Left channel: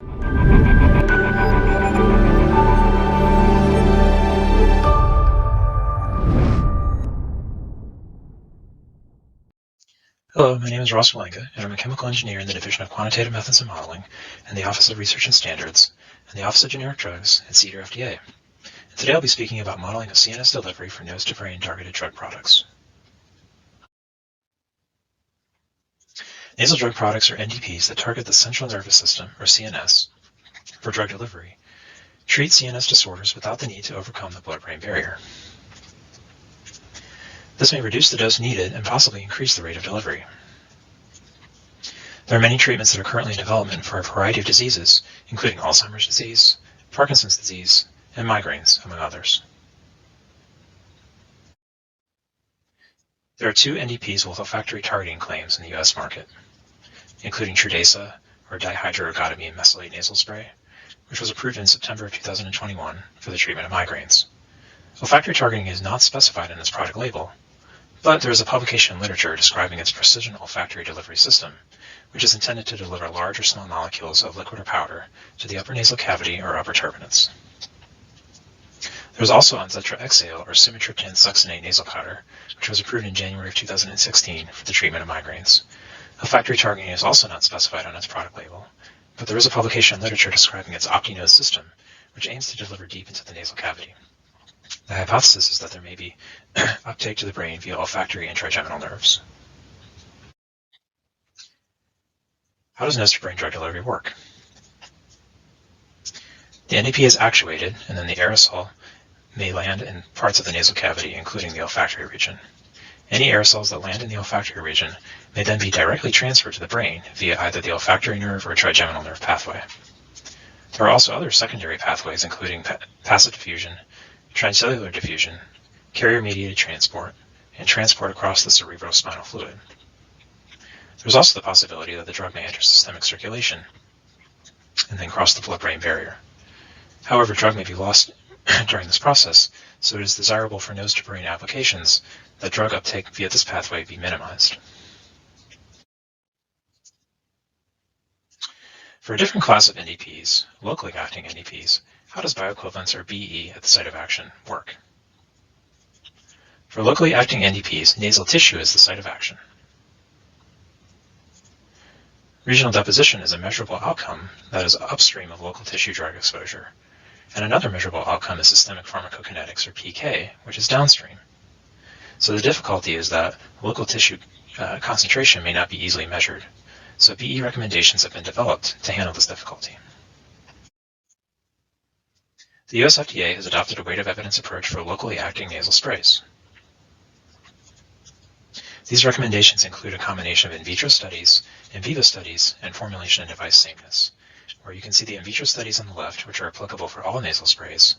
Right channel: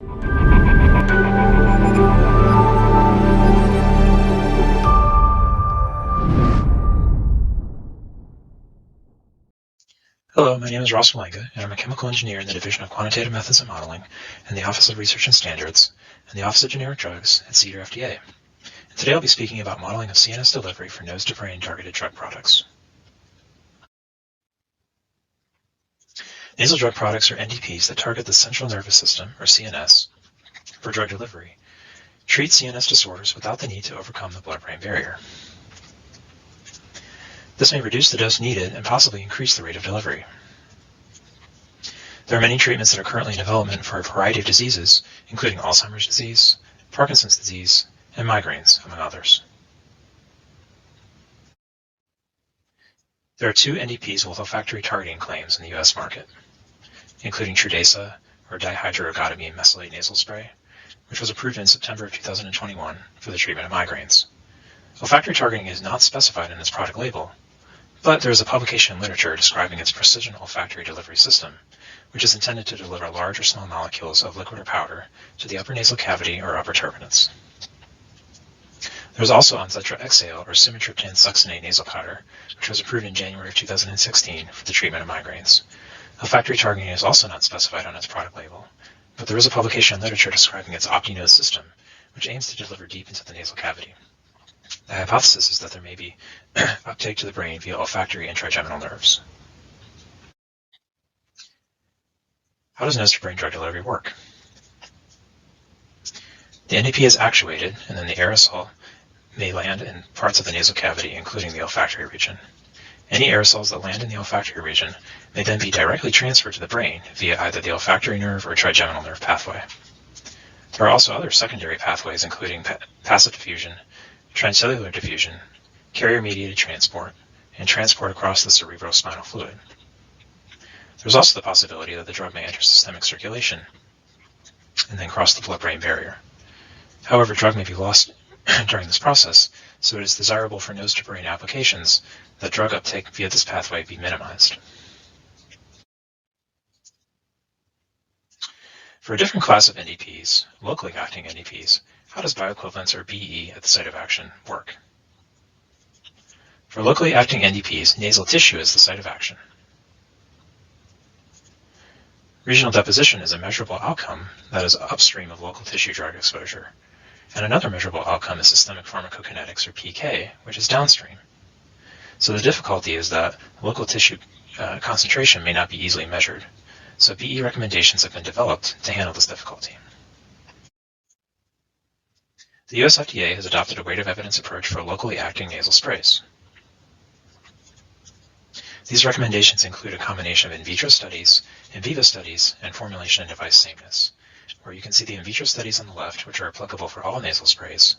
Hello, my name is Walenga, and I'm a chemical engineer in the Division of Quantitative Methods and Modeling in the Office of Research and Standards and the Office of Generic Drugs at CDER FDA. And today I'll be speaking about modeling of CNS delivery for nose-to-brain targeted drug products. Nasal drug products are NDPs that target the central nervous system, or CNS, for drug delivery, treat CNS disorders without the need to overcome the blood-brain barrier. This may reduce the dose needed and possibly increase the rate of delivery. There are many treatments that are currently in development for a variety of diseases, including Alzheimer's disease, Parkinson's disease, and migraines, among others. There are two NDPs with olfactory targeting claims in the U.S. market, including Trudesa, or dihydroergotamine mesylate nasal spray, which was approved in September of 2021 for the treatment of migraines. Olfactory targeting is not specified in its product label, but there is a publication in literature describing its precision olfactory delivery system, which is intended to deliver large or small molecules of liquid or powder to the upper nasal cavity or upper turbinates. There is also Onzetra Exhale, or sumatriptan succinate nasal powder, which was approved in January of 2016 for the treatment of migraines. Olfactory targeting is also not specified on its product label, but there is a publication in literature describing its OptiNose system, which aims to deliver deep into the nasal cavity. The hypothesis is that there may be uptake to the brain via olfactory and trigeminal nerves. How does nose-to-brain drug delivery work? The NDP is actuated, and then the aerosol may land in parts of the nasal cavity, including the olfactory region. Any aerosols that land in the olfactory region may then be directly transferred to the brain via either the olfactory nerve or trigeminal nerve pathway. There are also other secondary pathways, including passive diffusion, transcellular diffusion, carrier-mediated transport, and transport across the cerebrospinal fluid. There's also the possibility that the drug may enter systemic circulation and then cross the blood-brain barrier. However, drug may be lost during this process, so it is desirable for nose-to-brain applications that drug uptake via this pathway be minimized. For a different class of NDPs, locally acting NDPs, how does bioequivalence, or BE, at the site of action work? For locally acting NDPs, nasal tissue is the site of action. Regional deposition is a measurable outcome that is upstream of local tissue drug exposure, and another measurable outcome is systemic pharmacokinetics, or PK, which is downstream. So the difficulty is that local tissue concentration may not be easily measured, so BE recommendations have been developed to handle this difficulty. The US FDA has adopted a weight of evidence approach for locally acting nasal sprays. These recommendations include a combination of in vitro studies, in vivo studies, and formulation and device sameness, where you can see the in vitro studies on the left, which are applicable for all nasal sprays,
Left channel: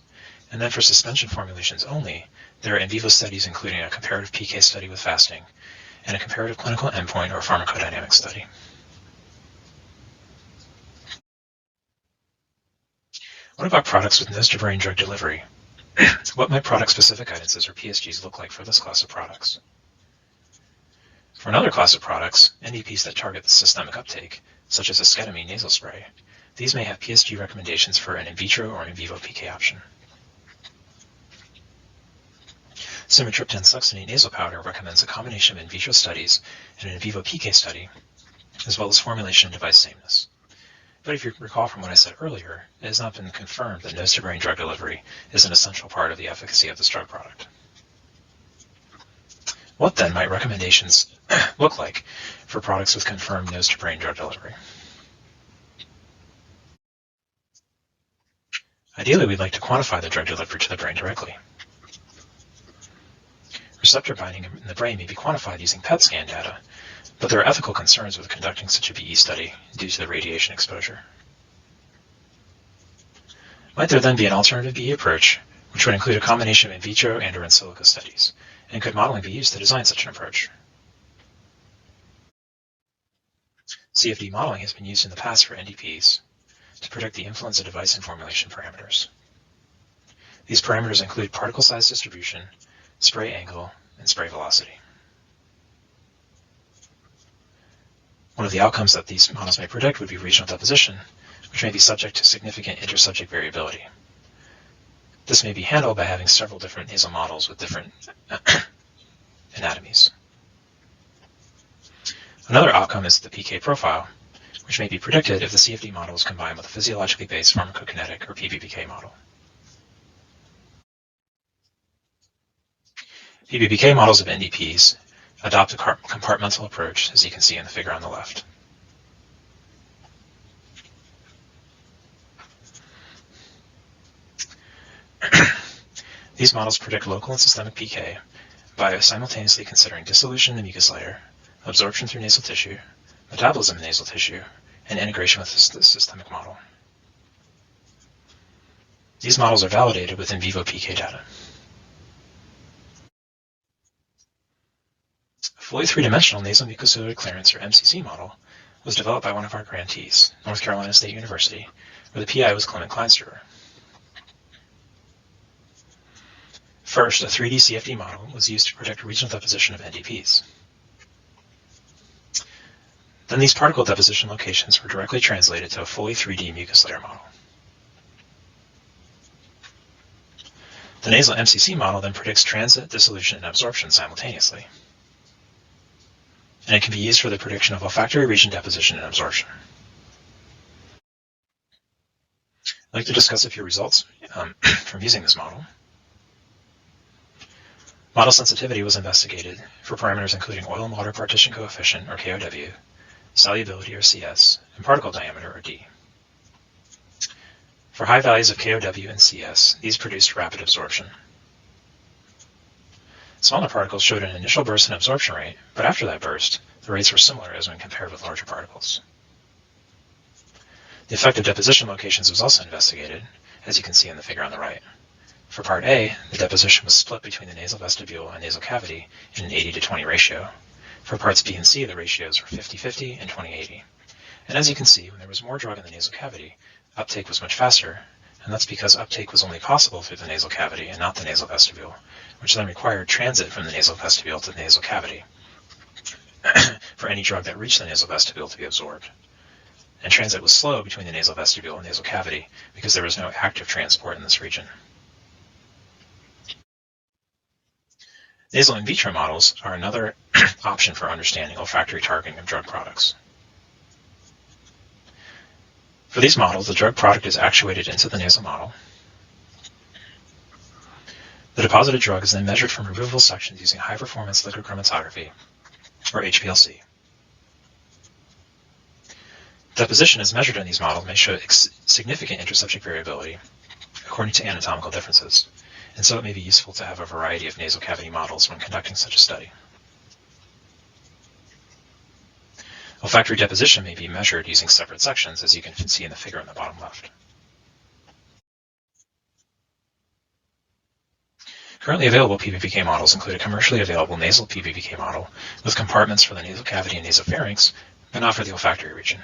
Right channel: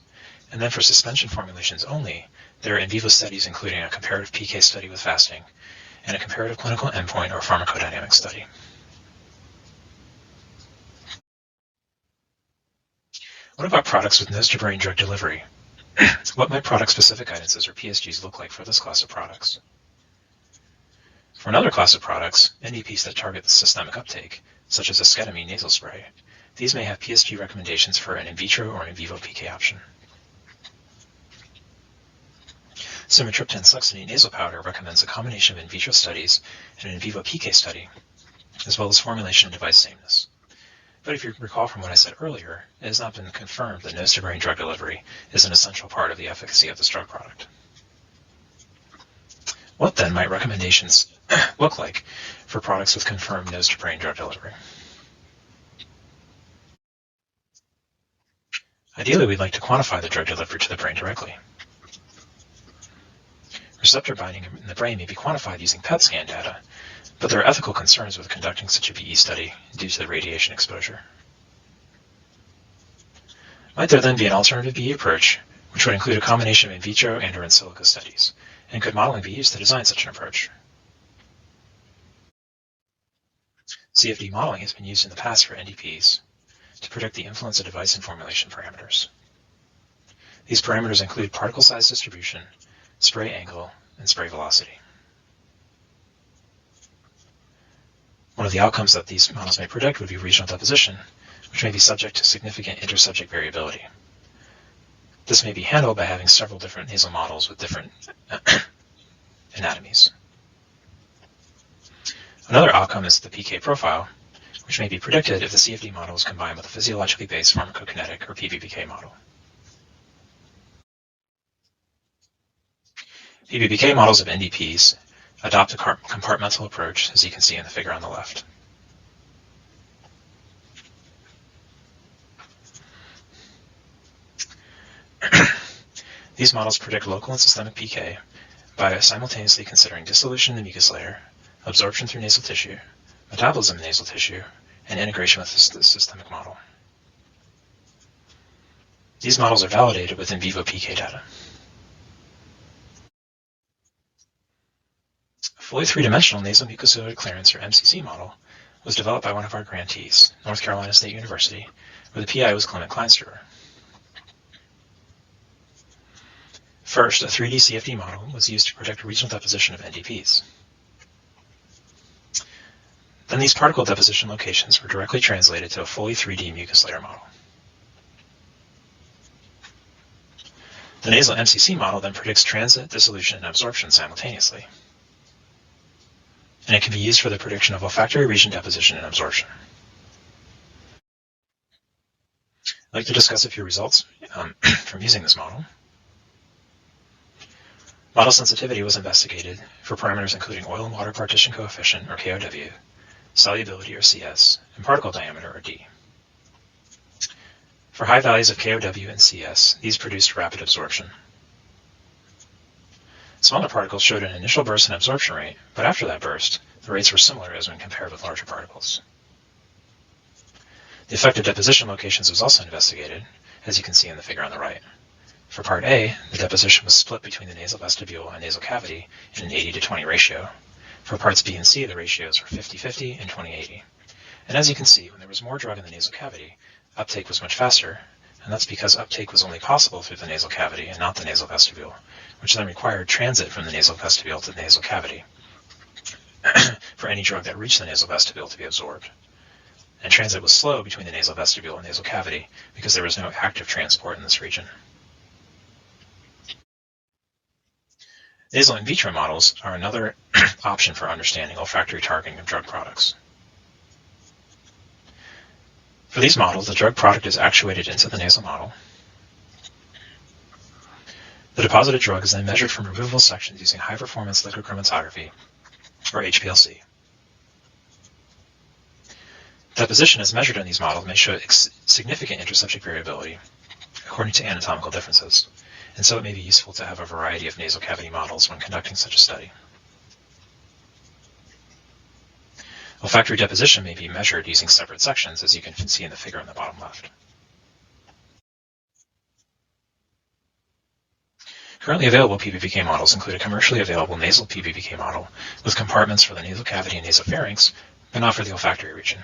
and then for suspension formulations only, there are in vivo studies including a comparative PK study with fasting, and a comparative clinical endpoint or pharmacodynamic study. What about products with nose-to-brain drug delivery? What might product-specific guidances, or PSGs, look like for this class of products? For another class of products, NDPs that target the systemic uptake, such as esketamine nasal spray, these may have PSG recommendations for an in vitro or in vivo PK option. Sumatriptan succinate nasal powder recommends a combination of in vitro studies and an in vivo PK study, as well as formulation and device sameness. But if you recall from what I said earlier, it has not been confirmed that nose-to-brain drug delivery is an essential part of the efficacy of this drug product. What then might recommendations look like for products with confirmed nose-to-brain drug delivery? Ideally, we'd like to quantify the drug delivery to the brain directly. Receptor binding in the brain may be quantified using PET scan data, but there are ethical concerns with conducting such a BE study due to the radiation exposure. Might there then be an alternative BE approach, which would include a combination of in vitro and or in silico studies, and could modeling be used to design such an approach? CFD modeling has been used in the past for NDPs to predict the influence of device and formulation parameters. These parameters include particle size distribution, spray angle, and spray velocity. One of the outcomes that these models may predict would be regional deposition, which may be subject to significant intersubject variability. This may be handled by having several different nasal models with different anatomies. Another outcome is the PK profile, which may be predicted if the CFD model is combined with a physiologically based pharmacokinetic or PBPK model. PBPK models of NDPs adopt a compartmental approach, as you can see in the figure on the left. These models predict local and systemic PK by simultaneously considering dissolution in the mucus layer, absorption through nasal tissue, metabolism in nasal tissue, and integration with the systemic model. These models are validated with in vivo PK data. A fully three-dimensional nasal mucociliary clearance, or MCC model, was developed by one of our grantees, North Carolina State University, where the PI was Clement Kleinstruber. First, a 3D CFD model was used to predict regional deposition of NDPs. Then these particle deposition locations were directly translated to a fully 3D mucus layer model. The nasal MCC model then predicts transit, dissolution, and absorption simultaneously. And it can be used for the prediction of olfactory region deposition and absorption. I'd like to discuss a few results from using this model. Model sensitivity was investigated for parameters including oil and water partition coefficient, or KOW, solubility, or CS, and particle diameter, or D. For high values of KOW and CS, these produced rapid absorption. Smaller particles showed an initial burst and absorption rate, but after that burst, the rates were similar as when compared with larger particles. The effect of deposition locations was also investigated, as you can see in the figure on the right. For part A, the deposition was split between the nasal vestibule and nasal cavity in an 80-to-20 ratio. For parts B and C, the ratios were 50-50 and 20-80. And as you can see, when there was more drug in the nasal cavity, uptake was much faster, and that's because uptake was only possible through the nasal cavity and not the nasal vestibule, which then required transit from the nasal vestibule to the nasal cavity for any drug that reached the nasal vestibule to be absorbed. And transit was slow between the nasal vestibule and nasal cavity because there was no active transport in this region. Nasal in vitro models are another option for understanding olfactory targeting of drug products. For these models, the drug product is actuated into the nasal model. The deposited drug is then measured from removable sections using high-performance liquid chromatography, or HPLC. Deposition as measured in these models may show significant intersubject variability according to anatomical differences, and so it may be useful to have a variety of nasal cavity models when conducting such a study. Olfactory deposition may be measured using separate sections, as you can see in the figure on the bottom left. Currently available PBPK models include a commercially available nasal PBPK model with compartments for the nasal cavity and nasopharynx, but not for the olfactory region.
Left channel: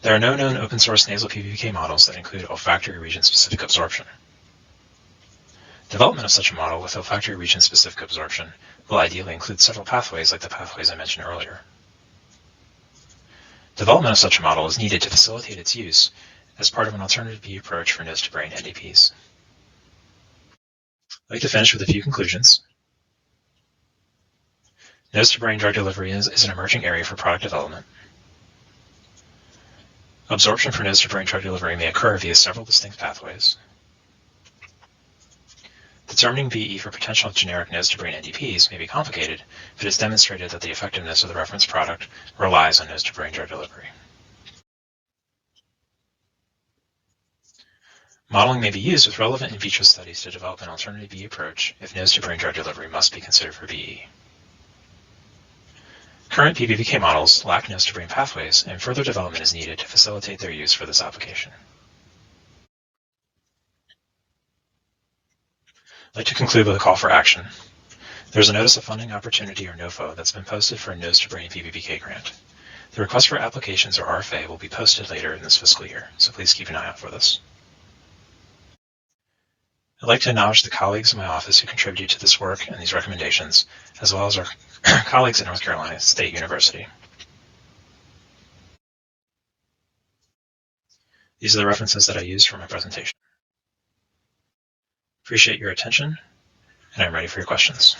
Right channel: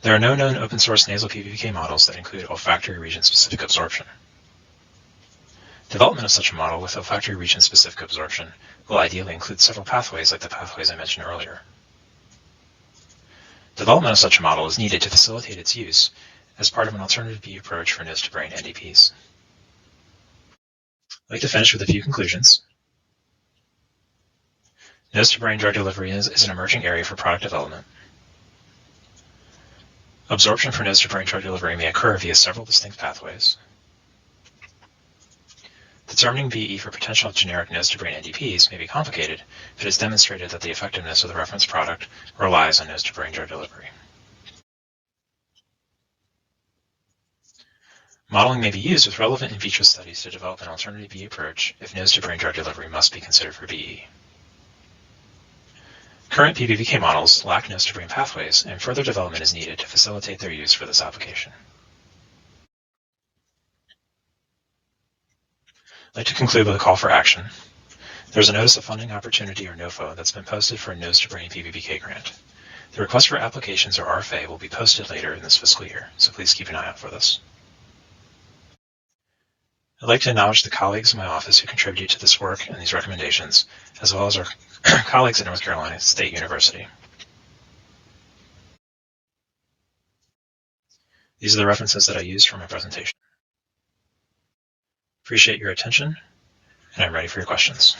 There are no known open-source nasal PBPK models that include olfactory region-specific absorption. Development of such a model with olfactory region-specific absorption will ideally include several pathways like the pathways I mentioned earlier. Development of such a model is needed to facilitate its use as part of an alternative B approach for nose-to-brain NDPs. I'd like to finish with a few conclusions. Nose-to-brain drug delivery is an emerging area for product development. Absorption for nose-to-brain drug delivery may occur via several distinct pathways. Determining VE for potential generic nose-to-brain NDPs may be complicated, but it's demonstrated that the effectiveness of the reference product relies on nose-to-brain drug delivery. Modeling may be used with relevant in vitro studies to develop an alternative VE approach if nose-to-brain drug delivery must be considered for VE. Current PBPK models lack nose-to-brain pathways, and further development is needed to facilitate their use for this application. I'd like to conclude with a call for action. There's a Notice of Funding Opportunity, or NOFO, that's been posted for a Nose-to-Brain PBPK grant. The request for applications, or RFA, will be posted later in this fiscal year, so please keep an eye out for this. I'd like to acknowledge the colleagues in my office who contributed to this work and these recommendations, as well as our colleagues at North Carolina State University. These are the references that I used for my presentation. Appreciate your attention, and I'm ready for your questions.